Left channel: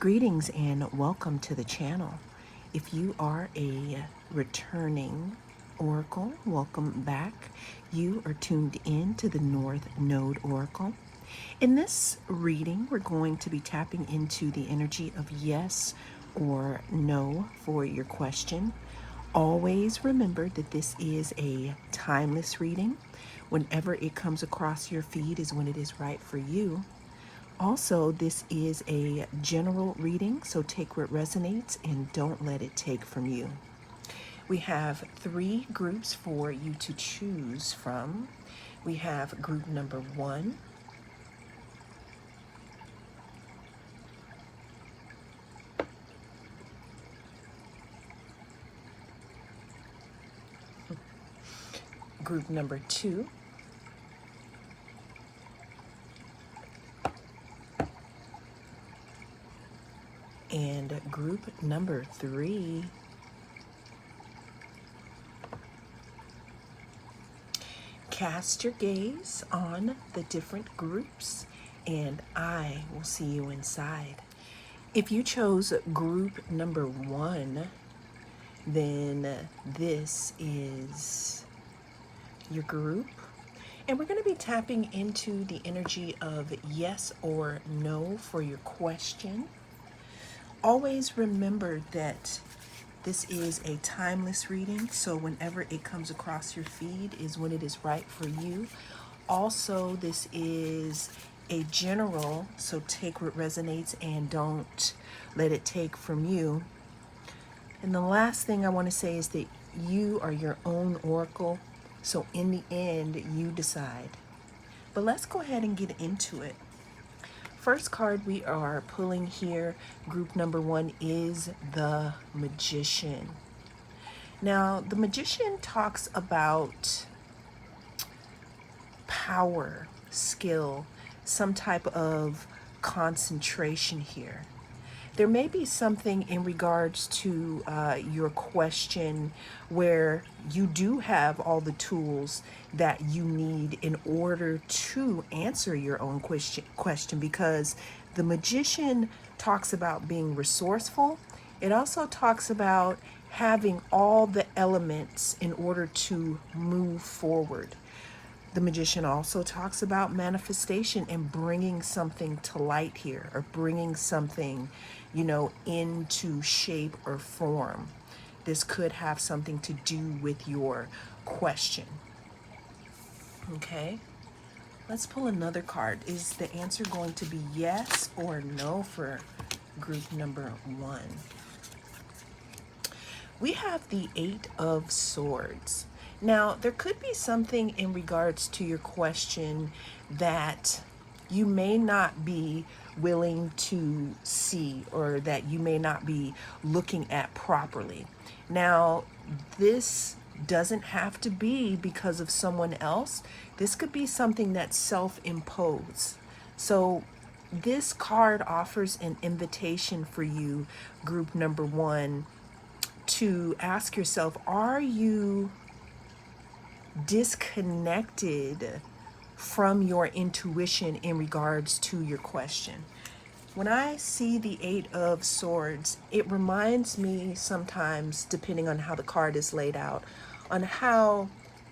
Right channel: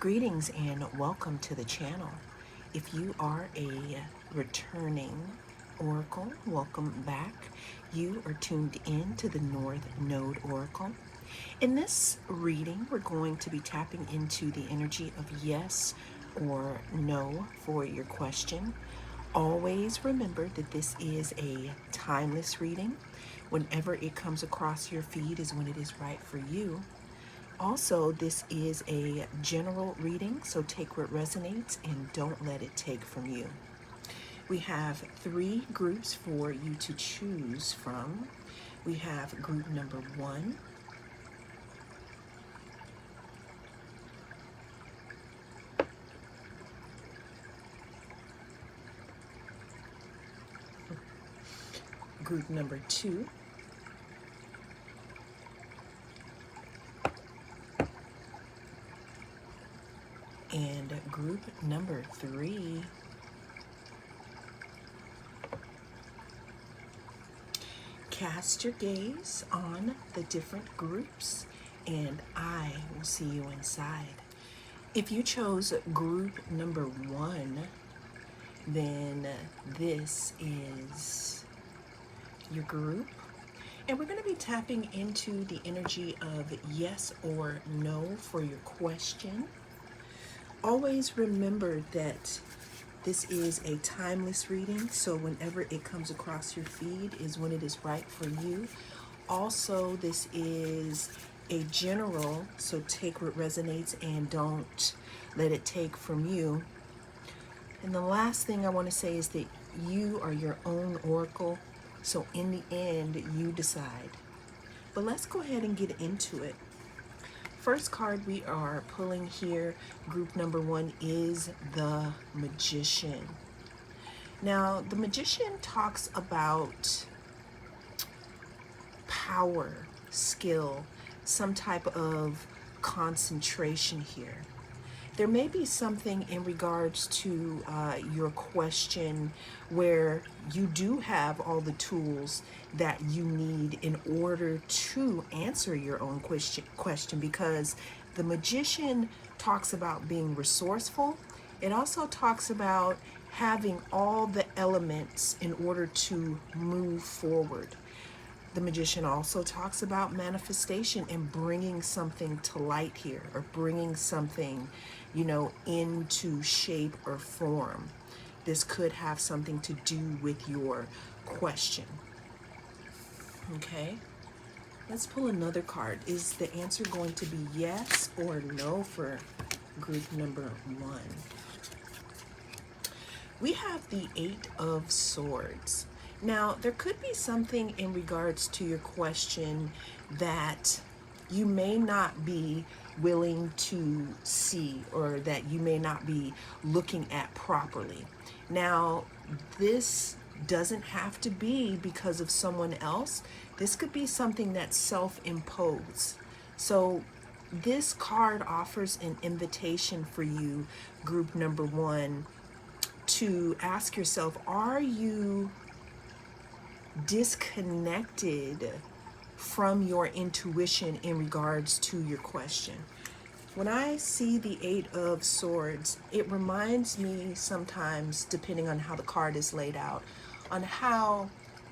Greetings and welcome to the channel. If you are a returning oracle, welcome back. You are tuned in to the North Node Oracle. In this reading, we're going to be tapping into the energy of yes or no for your question. Always remember that this is a timeless reading. Whenever it comes across your feed is when it is right for you. Also, this is a general reading, so take what resonates and don't let it take from you. We have 3 groups for you to choose from. We have group number 1, group number 2, and group number 3. Cast your gaze on the different groups and I will see you inside. If you chose group number 1, then this is your group. And we're going to be tapping into the energy of yes or no for your question. Always remember that this is a timeless reading, so whenever it comes across your feed is when it is right for you. Also, this is a general, so take what resonates and don't let it take from you. And the last thing I want to say is that you are your own oracle, so in the end, you decide. But let's go ahead and get into it. First card we are pulling here, group number 1, is the Magician. Now, the Magician talks about power, skill, some type of concentration here. There may be something in regards to your question where you do have all the tools that you need in order to answer your own question, because the Magician talks about being resourceful. It also talks about having all the elements in order to move forward. The Magician also talks about manifestation and bringing something to light here, or bringing something, into shape or form. This could have something to do with your question. Okay, let's pull another card. Is the answer going to be yes or no for group number 1? We have the 8 of Swords. Now, there could be something in regards to your question that you may not be willing to see, or that you may not be looking at properly. Now, this doesn't have to be because of someone else. This could be something that's self-imposed. So this card offers an invitation for you, group number 1, to ask yourself, are you disconnected from your intuition in regards to your question? When I see the 8 of Swords, it reminds me sometimes, depending on how the card is laid out, on how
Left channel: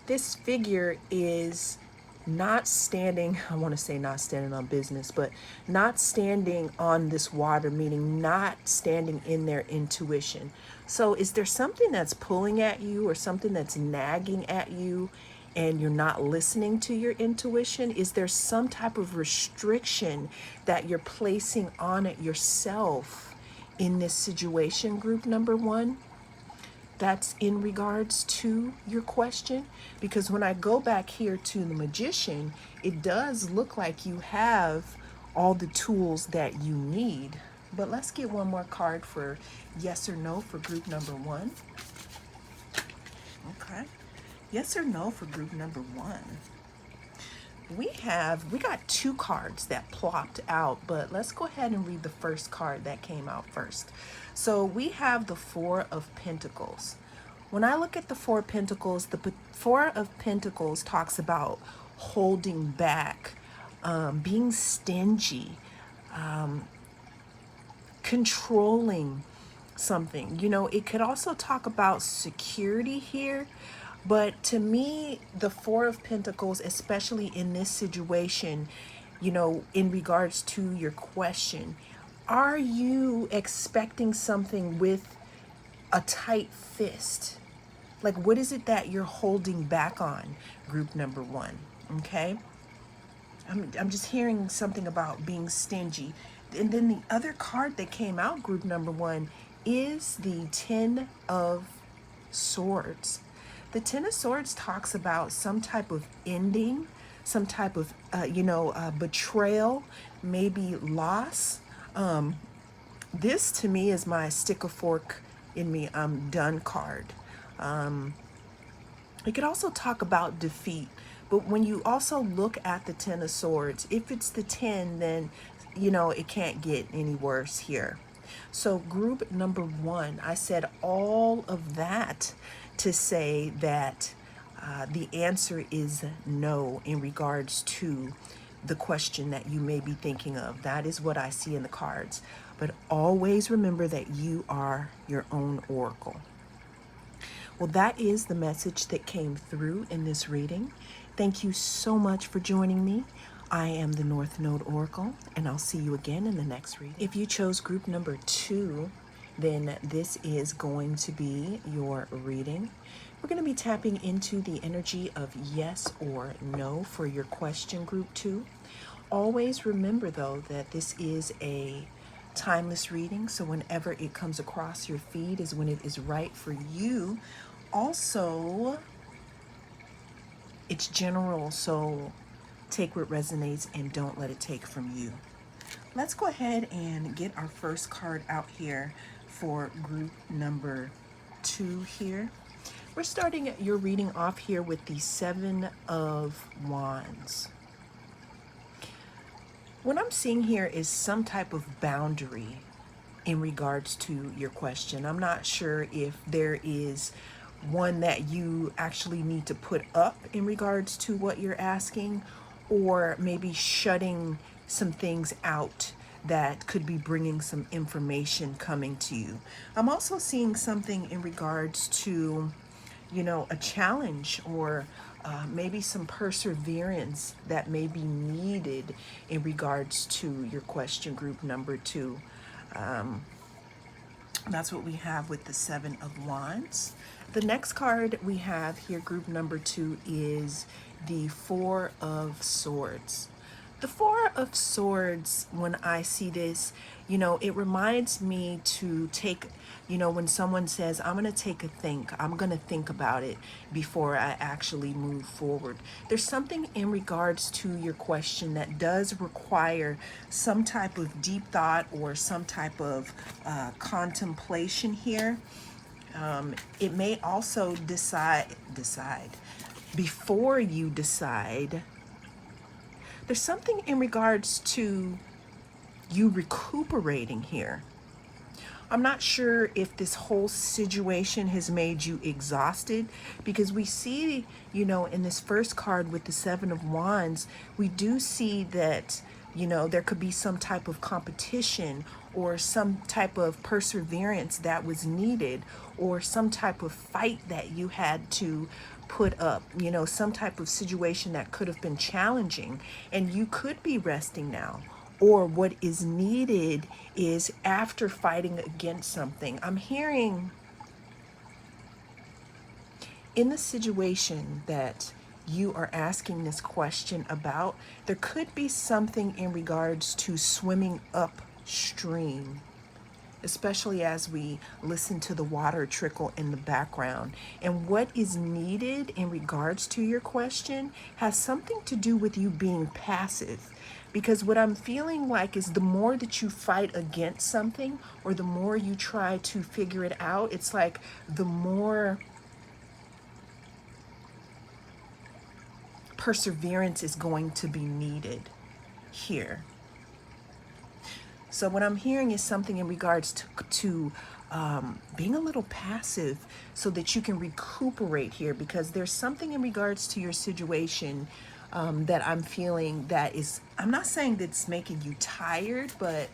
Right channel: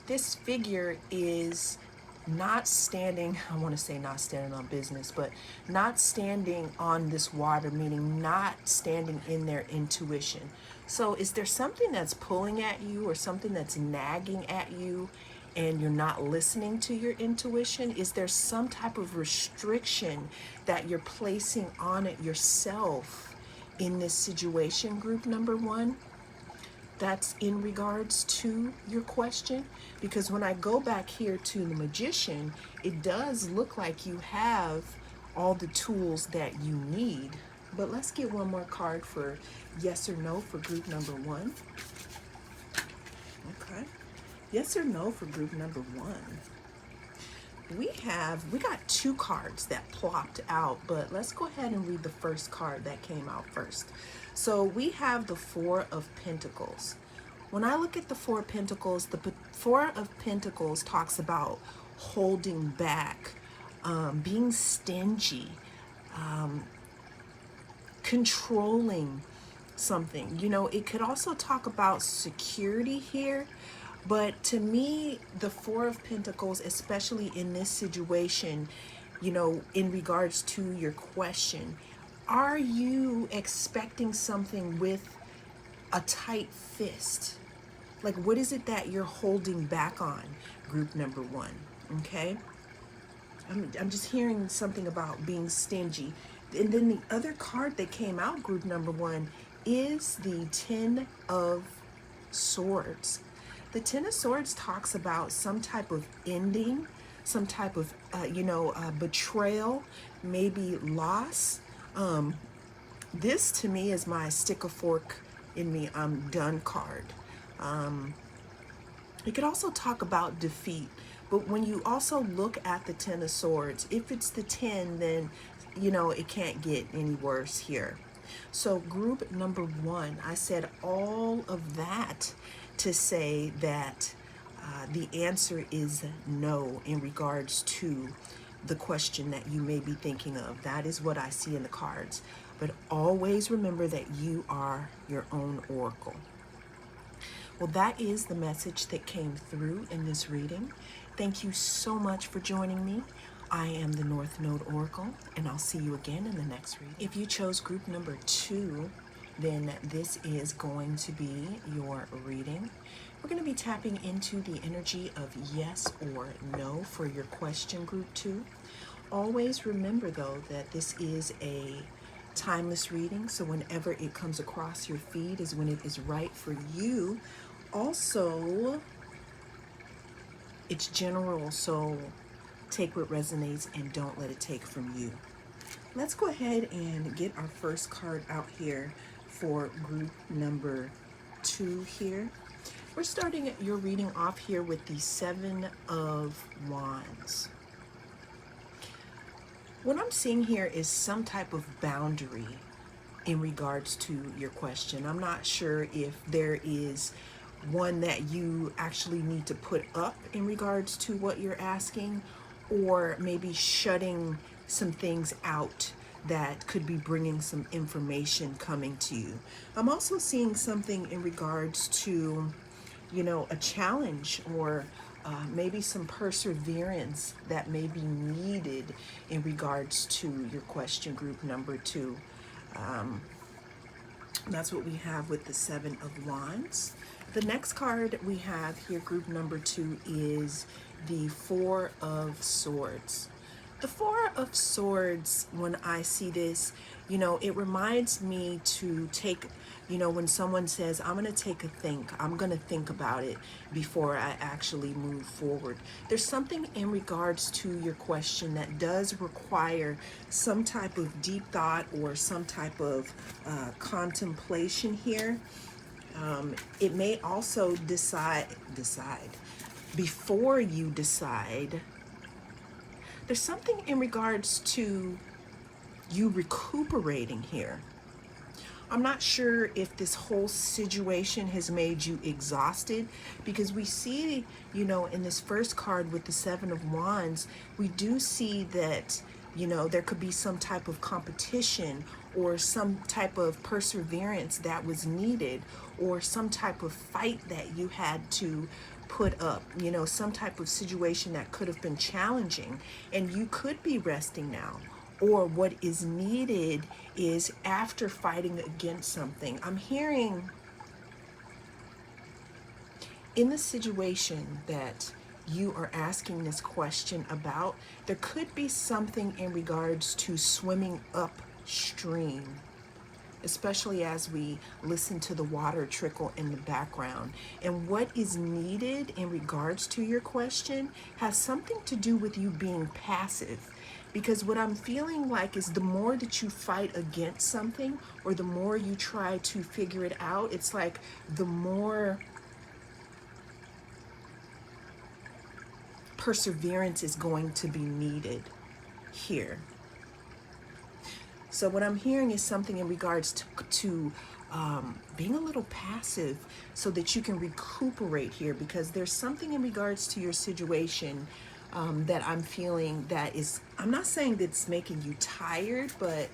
this figure is not standing, I want to say not standing on business, but not standing on this water, meaning not standing in their intuition. So is there something that's pulling at you, or something that's nagging at you, and you're not listening to your intuition? Is there some type of restriction that you're placing on it yourself in this situation, group number 1? That's in regards to your question, because when I go back here to the Magician, it does look like you have all the tools that you need. But let's get one more card for yes or no for group number 1. Okay. Yes or no for group number 1. We got 2 cards that plopped out, but let's go ahead and read the first card that came out first. So we have the 4 of Pentacles. When I look at the 4 of Pentacles, the 4 of Pentacles talks about holding back, being stingy, controlling something. You know, it could also talk about security here, but to me, the Four of Pentacles, especially in this situation, you know, in regards to your question, are you expecting something with a tight fist? Like, what is it that you're holding back on, group number one? Okay? I'm just hearing something about being stingy. And then the other card that came out, group number one, is the Ten of Swords. The Ten of Swords talks about some type of ending, some type of, betrayal, maybe loss. This to me is my stick a fork in me, I'm done card. It could also talk about defeat, but when you also look at the Ten of Swords, if it's the 10, then, you know, it can't get any worse here. So group number one, I said all of that to say that the answer is no in regards to the question that you may be thinking of. That is what I see in the cards. But always remember that you are your own oracle. Well, that is the message that came through in this reading. Thank you so much for joining me. I am the North Node Oracle, and I'll see you again in the next reading. If you chose group number 2, then this is going to be your reading. We're going to be tapping into the energy of yes or no for your question, group 2. Always remember, though, that this is a timeless reading, so whenever it comes across your feed is when it is right for you. Also, it's general, so take what resonates and don't let it take from you. Let's go ahead and get our first card out here for group number 2 here. We're starting your reading off here with the Seven of Wands. What I'm seeing here is some type of boundary in regards to your question. I'm not sure if there is one that you actually need to put up in regards to what you're asking, or maybe shutting some things out that could be bringing some information coming to you. I'm also seeing something in regards to, you know, a challenge or maybe some perseverance that may be needed in regards to your question, group number 2. That's what we have with the Seven of Wands. The next card we have here, group number 2, is the Four of Swords. The Four of Swords, when I see this, you know, it reminds me to take, you know, when someone says, I'm going to take a think, I'm going to think about it before I actually move forward. There's something in regards to your question that does require some type of deep thought or some type of contemplation here. It may also decide before you decide. There's something in regards to you recuperating here. I'm not sure if this whole situation has made you exhausted, because we see, you know, in this first card with the Seven of Wands, we do see that, you know, there could be some type of competition or some type of perseverance that was needed, or some type of fight that you had to put up, you know, some type of situation that could have been challenging, and you could be resting now. Or what is needed is after fighting against something. I'm hearing in the situation that you are asking this question about, there could be something in regards to swimming upstream, especially as we listen to the water trickle in the background. And what is needed in regards to your question has something to do with you being passive. Because what I'm feeling like is the more that you fight against something, or the more you try to figure it out, it's like the more perseverance is going to be needed here. So what I'm hearing is something in regards to being a little passive so that you can recuperate here, because there's something in regards to your situation that I'm feeling that is, I'm not saying that it's making you tired, but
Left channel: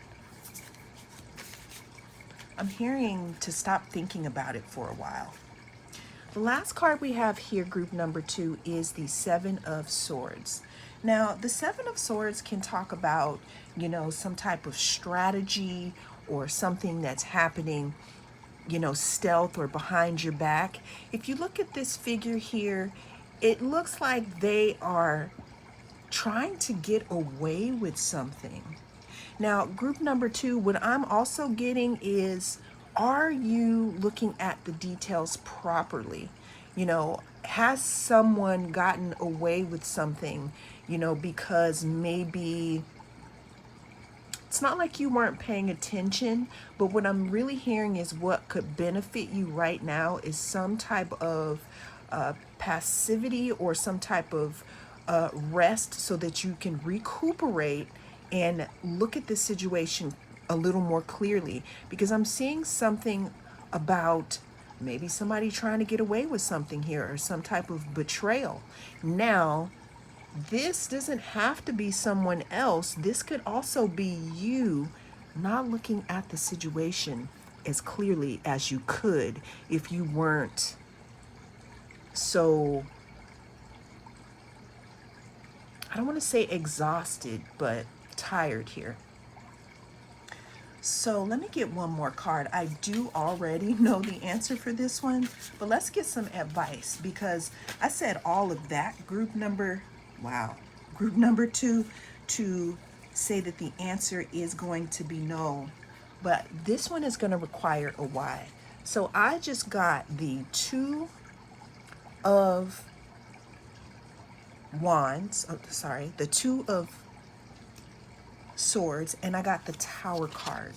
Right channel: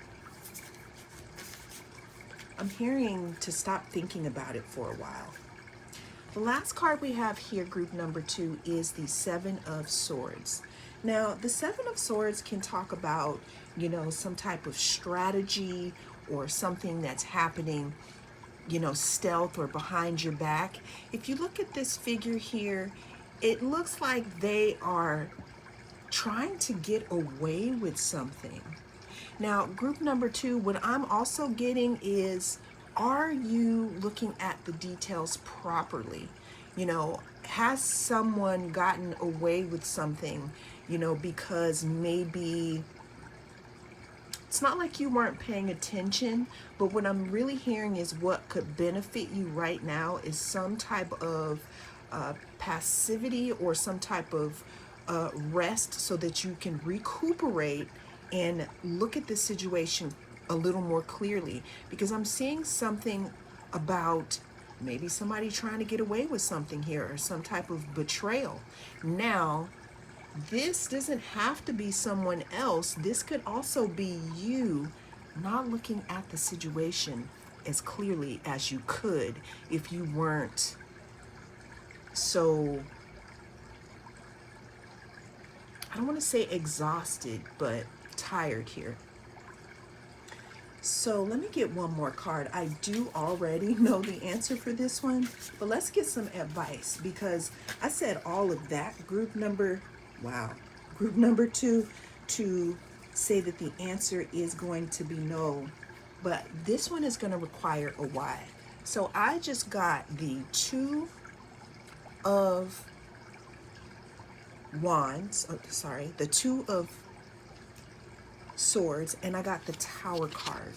I'm hearing to stop thinking about it for a while. The last card we have here, group number 2, is the Seven of Swords. Now, the Seven of Swords can talk about, some type of strategy or something that's happening, stealth or behind your back. If you look at this figure here, it looks like they are trying to get away with something. Now, group number 2, what I'm also getting is, are you looking at the details properly? Has someone gotten away with something, because maybe it's not like you weren't paying attention, but what I'm really hearing is what could benefit you right now is some type of passivity or some type of rest so that you can recuperate and look at the situation a little more clearly, because I'm seeing something about maybe somebody trying to get away with something here or some type of betrayal. Now, this doesn't have to be someone else. This could also be you not looking at the situation as clearly as you could if you weren't so, I don't want to say exhausted, but tired here. So let me get one more card. I do already know the answer for this one, but let's get some advice, because I said all of that, group number 2, to say that the answer is going to be no, but this one is going to require a why. So I just got the Two of Wands, the Two of Swords, and I got the Tower card.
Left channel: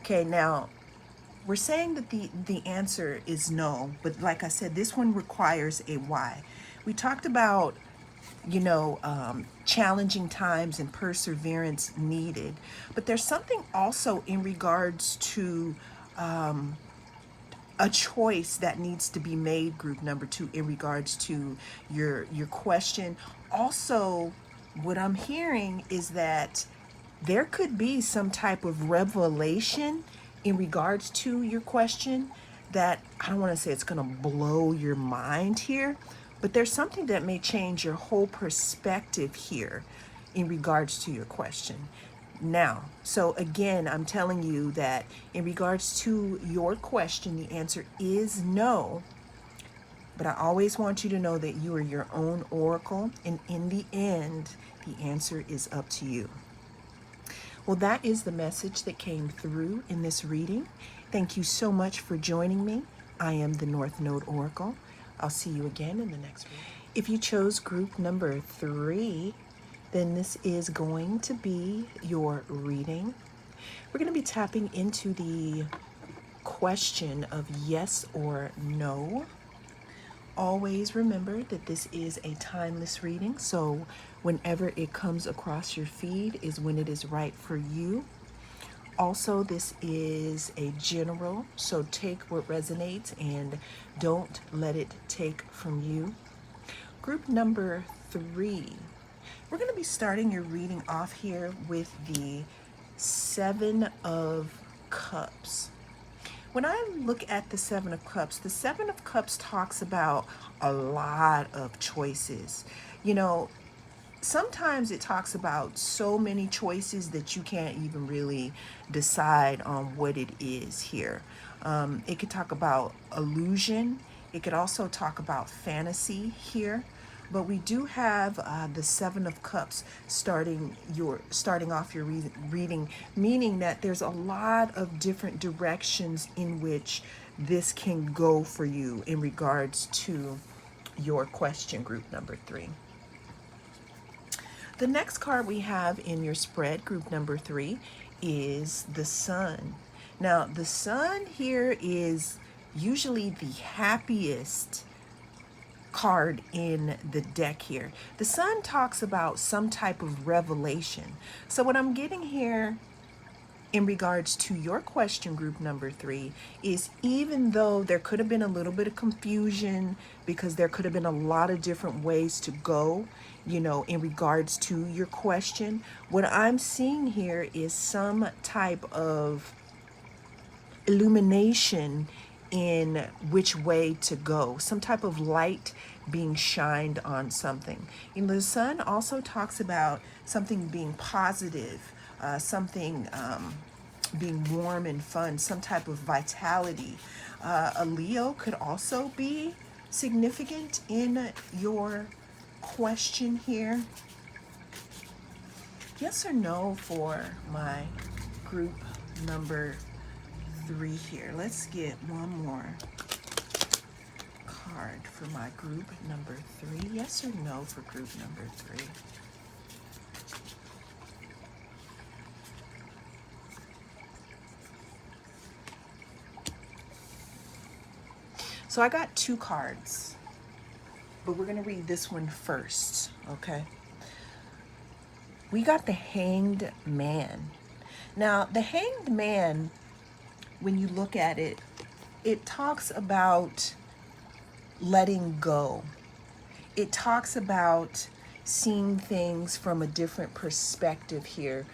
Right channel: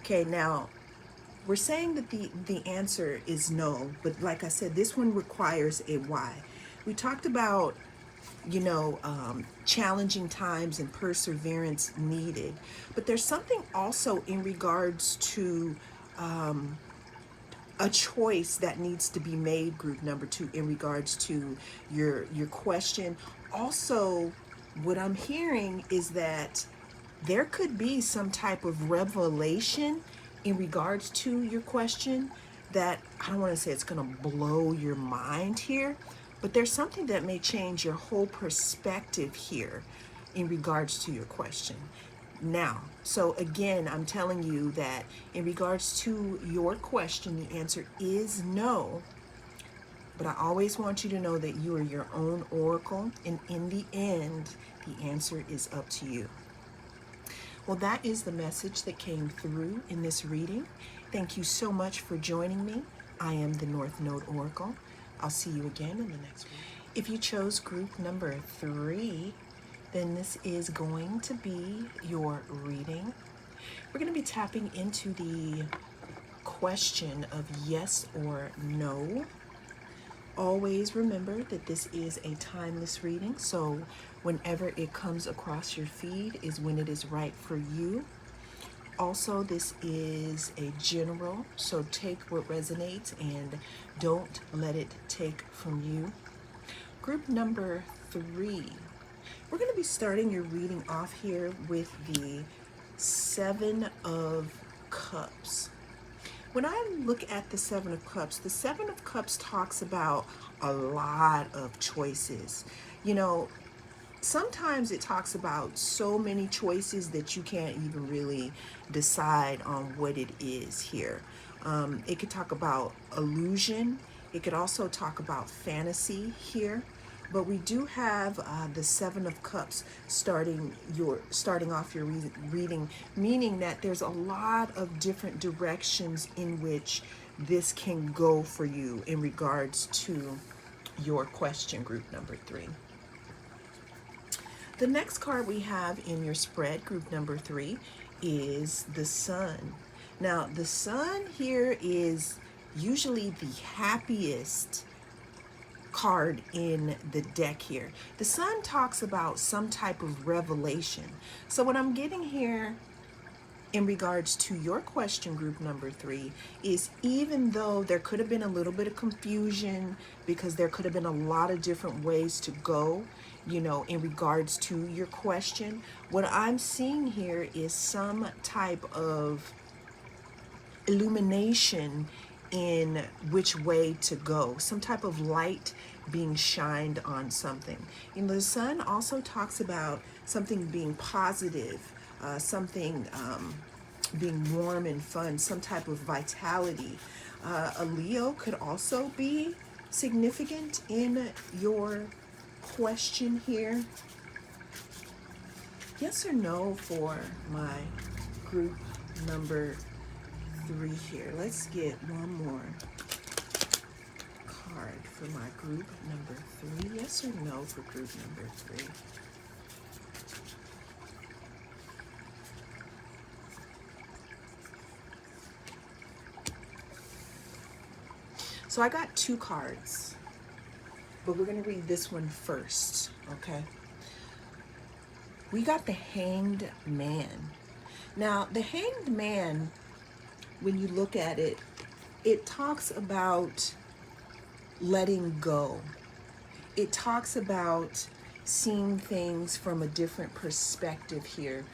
Okay, now we're saying that the answer is no, but like I said, this one requires a why. We talked about, challenging times and perseverance needed, but there's something also in regards to a choice that needs to be made, group number 2, in regards to your question. Also, what I'm hearing is that there could be some type of revelation in regards to your question that, I don't want to say it's going to blow your mind here, but there's something that may change your whole perspective here in regards to your question. Now, so again, I'm telling you that in regards to your question, the answer is no. But I always want you to know that you are your own oracle, and in the end, the answer is up to you. Well, that is the message that came through in this reading. Thank you so much for joining me. I am the North Node Oracle. I'll see you again in the next one. If you chose group number 3, then this is going to be your reading. We're going to be tapping into the question of yes or no. Always remember that this is a timeless reading, so whenever it comes across your feed is when it is right for you. Also, this is a general, so take what resonates and don't let it take from you. Group number 3. We're going to be starting your reading off here with the Seven of Cups. When I look at the Seven of Cups, the Seven of Cups talks about a lot of choices. Sometimes it talks about so many choices that you can't even really decide on what it is here. It could talk about illusion. It could also talk about fantasy here. But we do have the Seven of Cups starting off your reading, meaning that there's a lot of different directions in which this can go for you in regards to your question, group number 3. The next card we have in your spread, group number 3, is the Sun. Now, the Sun here is usually the happiest card in the deck here. The Sun talks about some type of revelation. So what I'm getting here in regards to your question, group number 3, is even though there could have been a little bit of confusion because there could have been a lot of different ways to go, in regards to your question, What I'm seeing here is some type of illumination in which way to go, some type of light being shined on something. And the sun also talks about something being positive, something being warm and fun, some type of vitality. A Leo could also be significant in your question here. Yes or no for my group number 3 here. Let's get one more card for my group number 3. Yes or no for group number 3. So I got 2 cards, but we're going to read this one first, okay? We got the Hanged Man. Now, the Hanged Man, when you look at it, it talks about letting go. It talks about seeing things from a different perspective here,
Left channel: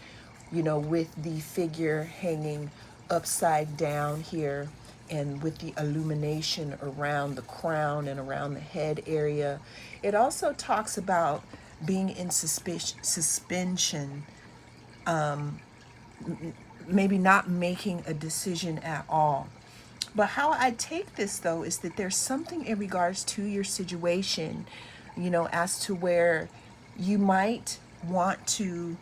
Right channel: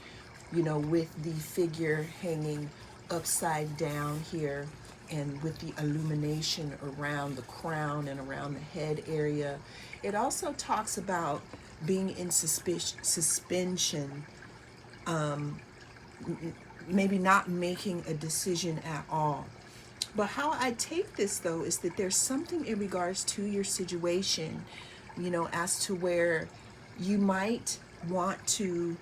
you know, with the figure hanging upside down here and with the illumination around the crown and around the head area. It also talks about being in suspension, maybe not making a decision at all. But how I take this, though, is that there's something in regards to your situation, you know, as to where you might want to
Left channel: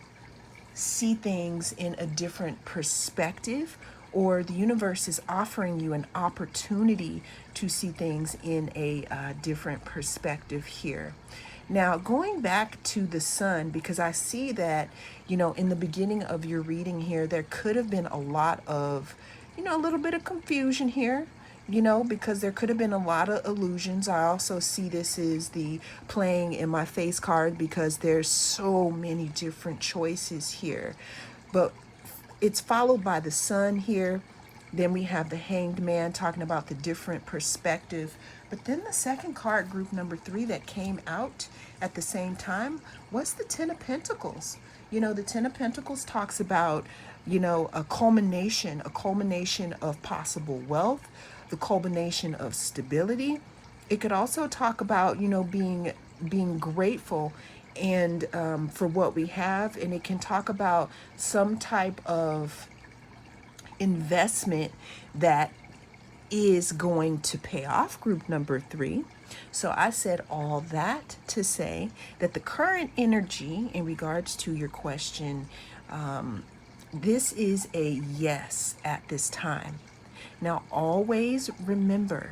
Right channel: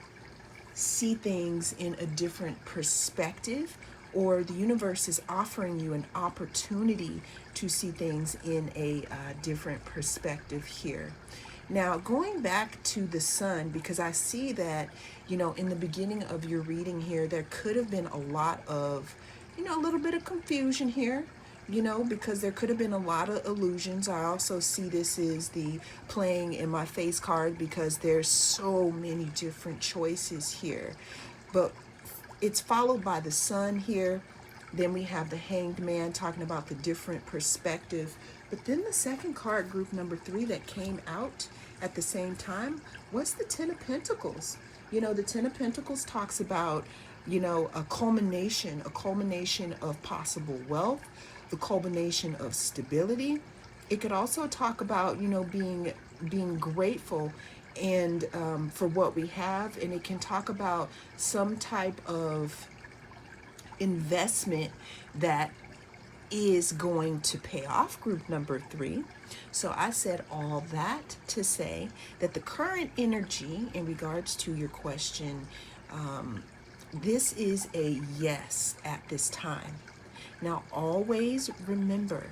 see things in a different perspective, or the universe is offering you an opportunity to see things in a different perspective here. Now, going back to the sun, because I see that, you know, in the beginning of your reading here, there could have been a lot of, you know, a little bit of confusion here, you know, because there could have been a lot of illusions. I also see this is the playing in my face card because there's so many different choices here. But it's followed by the sun here. Then we have the Hanged Man talking about the different perspective. But then the second card, group number 3, that came out at the same time was the Ten of Pentacles. You know, the Ten of Pentacles talks about, you know, a culmination of possible wealth, the culmination of stability. It could also talk about, you know, being grateful and for what we have, and it can talk about some type of investment that is going to pay off, group number 3. So I said all that to say that the current energy in regards to your question, this is a yes at this time. Now, always remember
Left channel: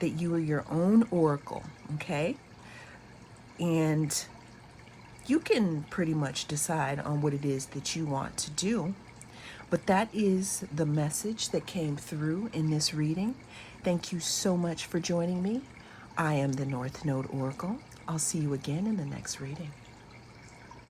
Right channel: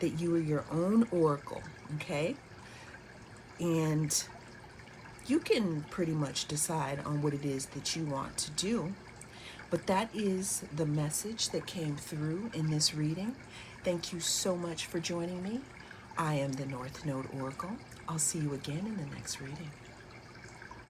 that you are your own oracle, okay? And you can pretty much decide on what it is that you want to do. But that is the message that came through in this reading. Thank you so much for joining me. I am the North Node Oracle. I'll see you again in the next reading.